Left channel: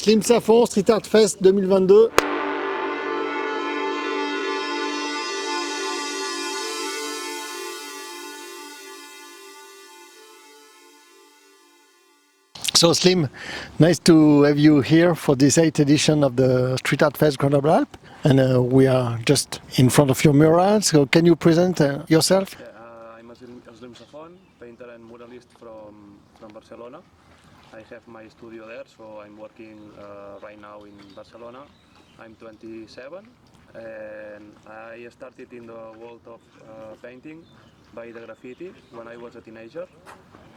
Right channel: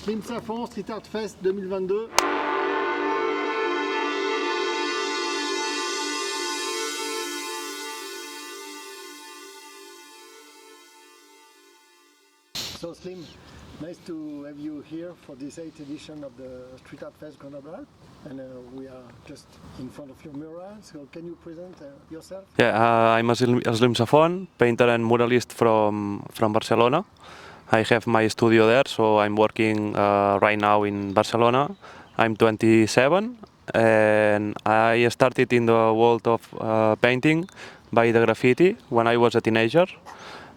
Slim Safont, Street Art Fest 2022. So Slim, nice to have you here for this 8th edition of the Street Art Fest Grenoble-Alpes. And we are just in front of your mural, so can you present yourself? Yeah, I'm a Slim Safont, painter and muralist from Barcelona. I have my studio there, so I'm working right now in Barcelona. I'm 27 and I started in the world of painting by the graffiti when I was a teenager.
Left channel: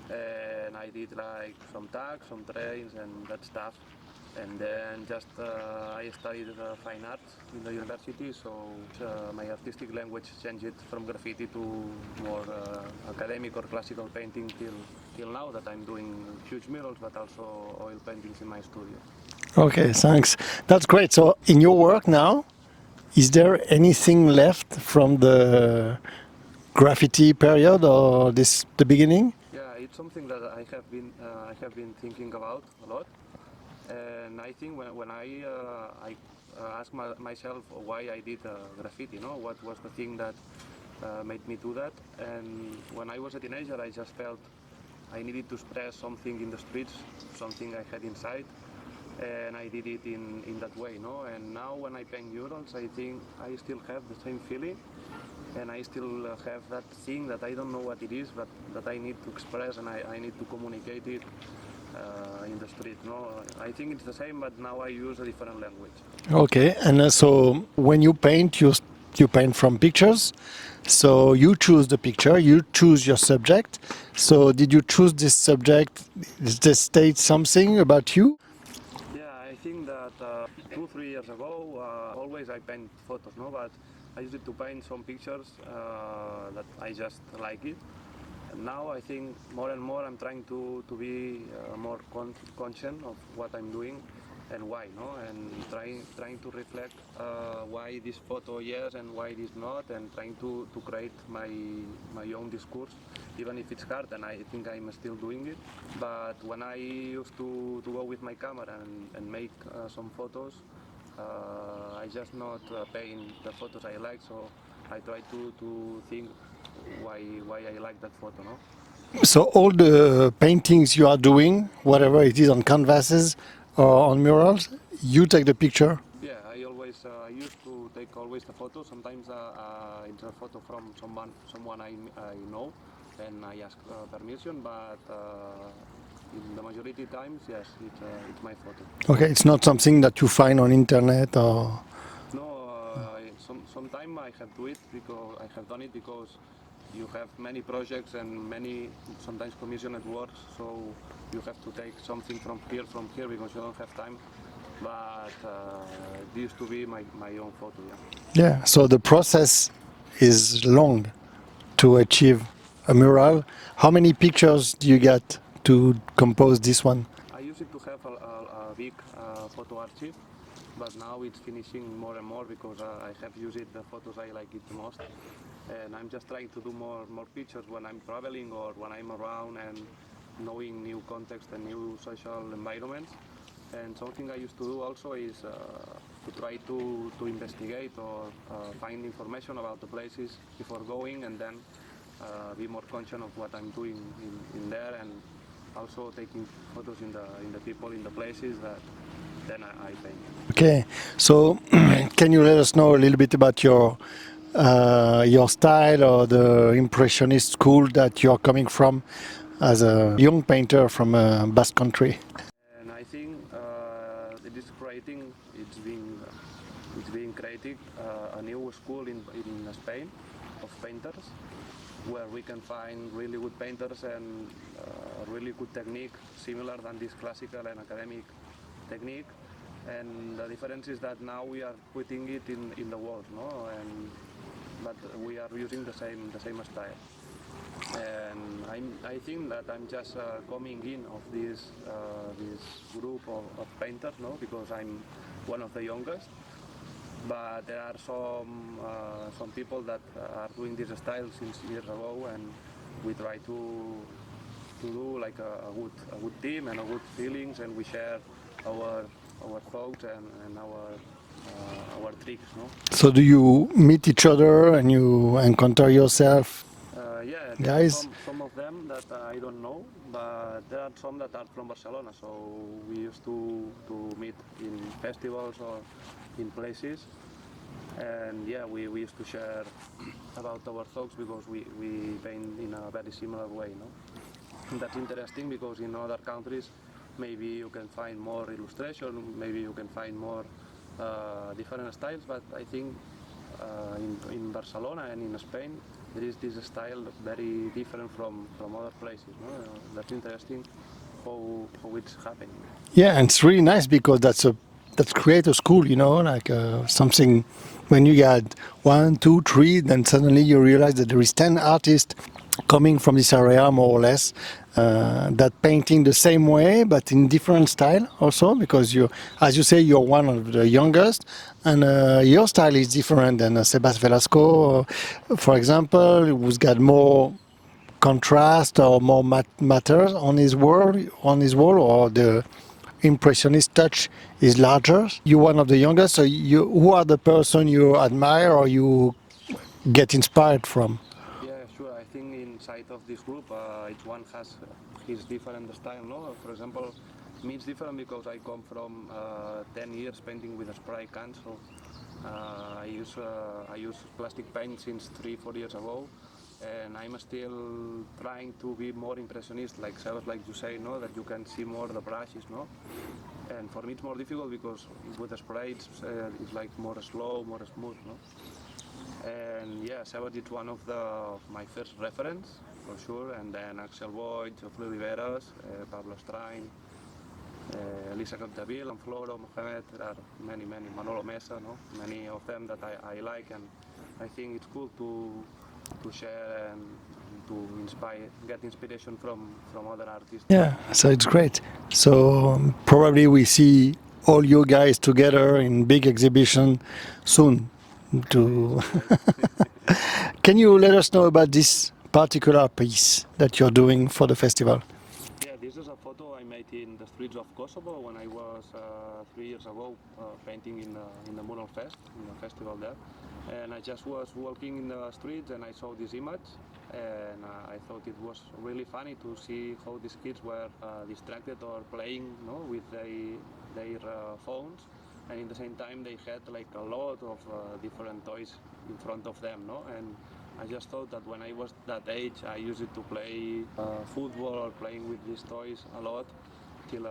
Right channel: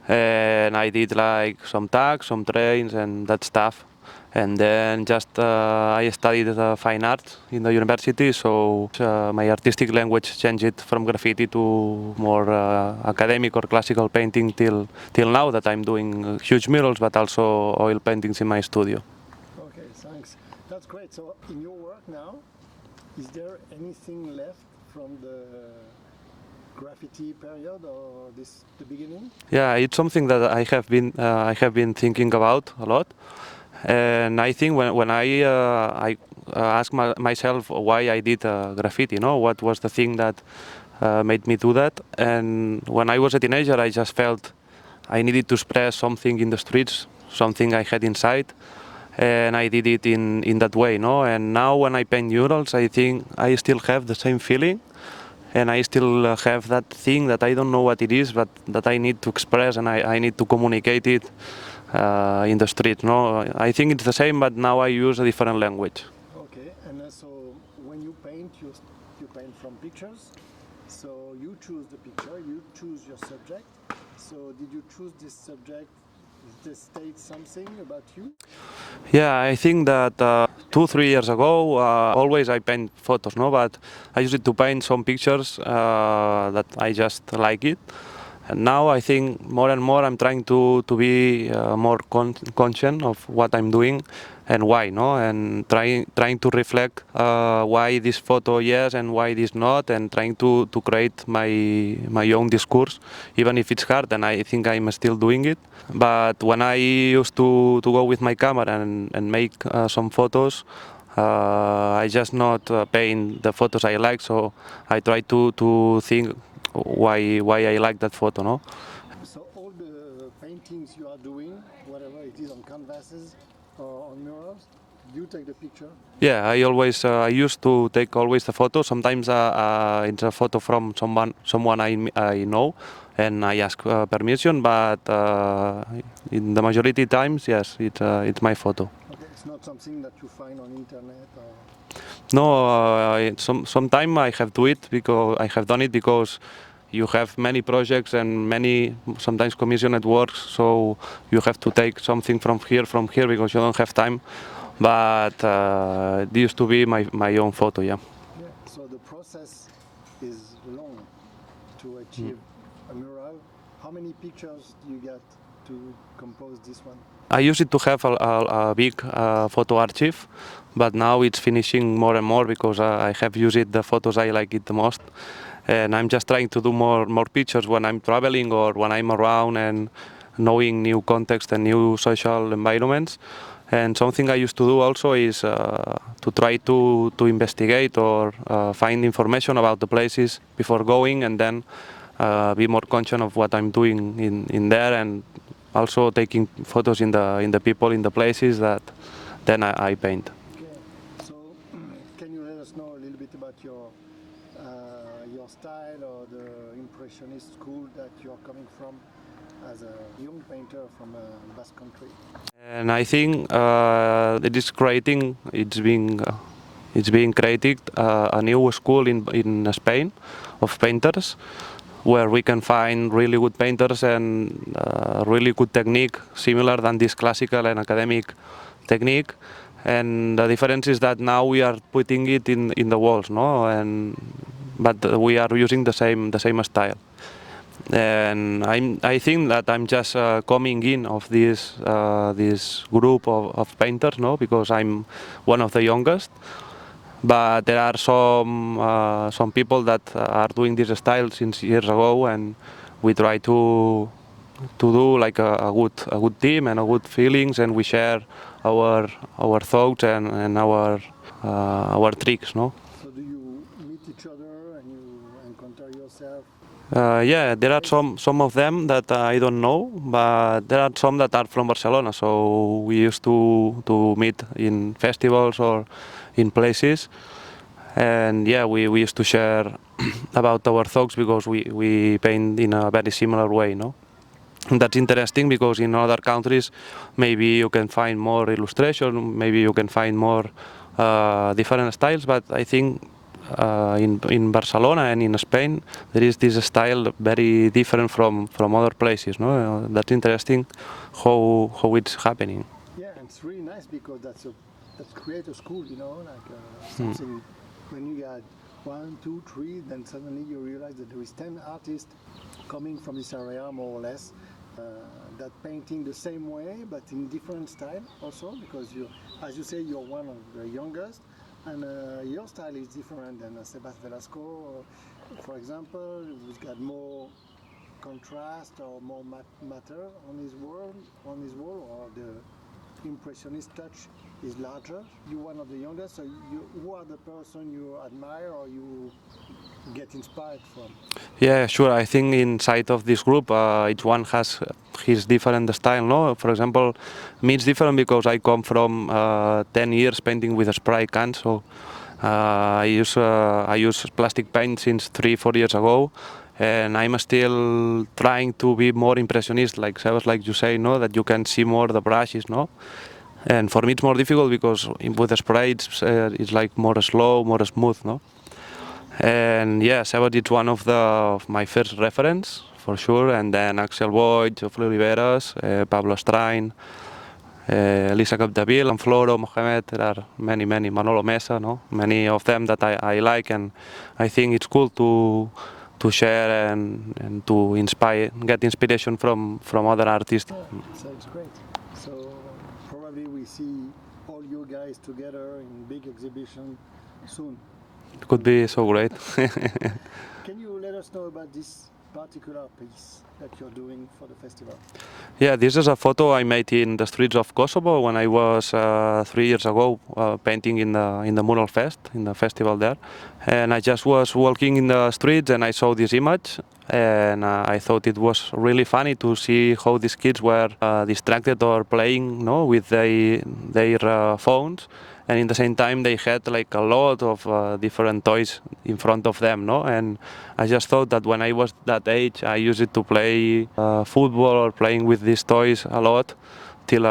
And I did like some tags, some trains and that stuff. And then just I studied fine art in the university, so my artistic language changed from graffiti to more academic or classical painting till now that I'm doing huge murals, but also oil paintings in my studio. Okay, thanks. That's great. So in your work now, is there anything left from the graffiti period or the beginning? Yeah, it's something that I have been thinking about a lot. And I think when I ask myself why I did graffiti, what was the thing that made me do that? And when I was a teenager, I just felt I needed to express something in the streets, something I had inside, and I did it in that way, And now when I paint murals, I think I still have the same feeling, and I still have that thing that I don't know what it is, but that I need to express and I need to communicate it. In the street, I think it's the same, but now I use a different language. Okay, and so when you paint, you paint from pictures. So you choose the picture, you choose your subject. So did you choose this subject? Does this state something about you? Yeah, I think that 2-3 years ago, always I paint photos, but I used to paint some pictures that I just like it. And now I think more and more I'm trying to be more conscious of what I'm doing and why, and trying to reflect why this photo yes and why this not, and trying to create my own discourse, even if it's hard, and I think I'm still doing it. But when I used to go with my camera and make some photos, I just not paint the photos I like, so I try to think why I like that photo, So all the paintings you are doing, whatever it is on canvases or on murals, you take the picture? Yeah, I used to take always the photo. Sometimes it's a photo from someone I know, and I ask permission. But in the majority times, yes, it's my photo. Okay, it's not something that you find on internet or. No, sometime I have do it because I have done it because you have many projects and many sometimes commissioned works, so you have to take something from here because you don't have time. But it used to be my own photo, yeah. Yeah, so the process is long to achieve a mural. How many pictures do you get to compose this one? I used to have a big photo archive, but now it's finishing more and more because I have used the photos I like it the most. And I'm just trying to do more pictures when I'm traveling or when I'm around and knowing new context and new social environments. And something I used to do also is to try to investigate or find information about the places before going, and then be more conscious of what I'm doing in there, and also taking photos in the people in the places that then I paint. Okay, so can you let us know a little bit about your style or the impressionist school that you're coming from as a young painter from Basque Country? And I think it's being created a new school in Spain of painters, where we can find really good painters and really good technique, similar than this classical and academic technique. And the difference is that now we are putting it in the walls, but we are using the same style. And I think that I'm just coming in of this group of painters, because I'm one of the youngest. But there are some people that are doing this style since years ago, and we try to do like a good team and a good feelings, and we share our thoughts and our tricks, no? So do you meet each other and you encounter yourself? Yeah, there Guys? are some of them that I don't know, but there are some that are from Barcelona. So we used to meet in festivals or in places, and yeah, we used to share about our thoughts because we paint in a very similar way, no? And that's interesting because in other countries, maybe you can find more illustration, maybe you can find more different styles, but I think in Barcelona and in Spain, there is this style very different from other places. No, that's interesting how it's happening. Yeah, and it's really nice because that's creative school, you know, like something. When you get 1, 2, 3, then suddenly you realize that there is 10 artists coming from this area, more or less, that painting the same way but in different style also, because you, as you say, you're one of the youngest, and your style is different than Sebas Velasco, for example, who's got more contrast or more matters on his wall, or the impressionist touch is larger. You're one of the youngest, so who are the person you admire or you get inspired from? Yeah, sure. I think inside of this group, each one has his different style. No, for example, me it's different because I come from 10 years painting with a spray can. So I use plastic paint since 3-4 years ago, and I'm still trying to be more impressionist, like Sebas, like you say, no, that you can see more the brushes, no. And for me it's more difficult because with the spray it's like more slow, more smooth, no. And yeah, Sebas is one of my first reference for sure, and then Axel Boyd, Geoffrey Oliveras, Pablo Strain, Elisa Capdeville, and Floro Mohamed. There are many, Manolo Mesa, no? Many of them that I like, and I think it's cool to share and to get inspiration from other artists. Yeah, so it's great. So probably we see all you guys together in big exhibition soon. Could be so great. Can you let us know about this particular piece that you're doing for the festival? Yeah, this is a photo I made in the streets of Kosovo when I was 3 years ago painting in the Mural Fest, in the festival there. And I just was walking in the streets and I saw this image, and I thought it was really funny to see how these kids were distracted or playing, no, with their phones. And in the same time they had like a lot of different toys in front of them, no? And I just thought that when I was that age, I used it to play football or playing with these toys a lot till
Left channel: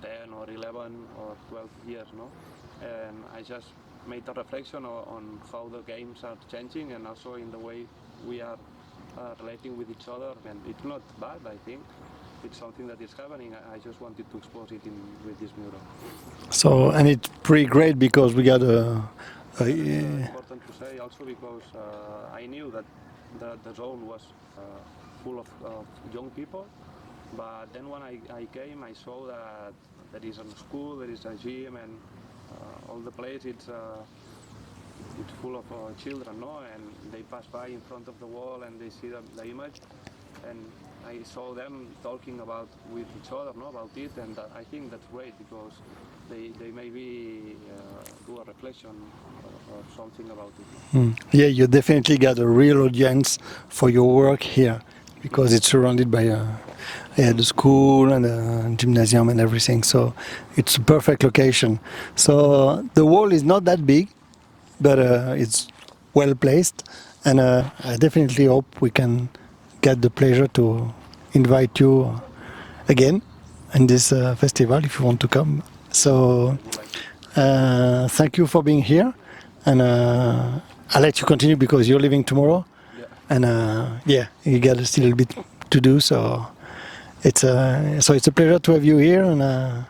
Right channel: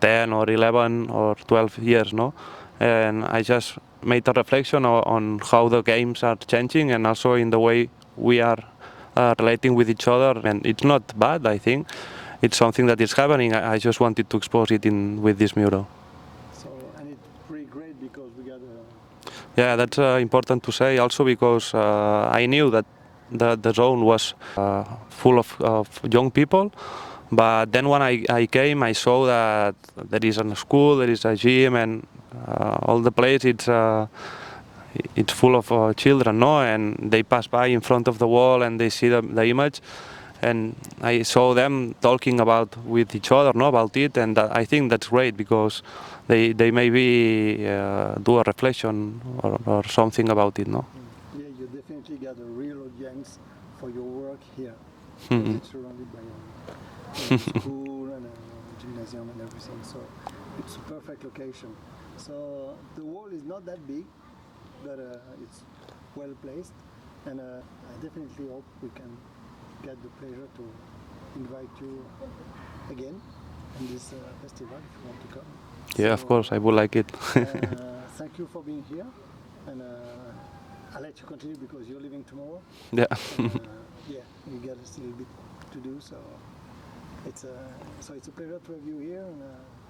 10 or 11 or 12 years, no? And I just made a reflection on how the games are changing and also in the way we are relating with each other. And it's not bad, I think. It's something that is happening. I just wanted to expose it with this mural. So, and it's pretty great because we got Yeah, that's important to say also because I knew that the zone was full of young people, but then when I came, I saw that there is a school, there is a gym, and all the place it's full of children, no? And they pass by in front of the wall and they see the image, and I saw them talking with each other, no, about it, and I think that's great because they maybe do a reflection or something about it, no? Yeah, you definitely got a real audience for your work here because it's surrounded by the school and the gymnasium and everything. So it's a perfect location. So the wall is not that big, but it's well placed, and I definitely hope we can get the pleasure to invite you again in this festival if you want to come. Yeah, of course, I would like it. Thank you for being here, and I'll let you continue because you're leaving tomorrow. Yeah. And yeah, you got still a bit to do, so it's a pleasure to have you here, and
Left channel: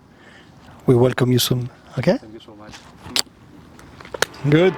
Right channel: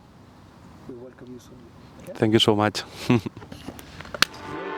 we welcome you soon. Okay. Thank you so much. Good.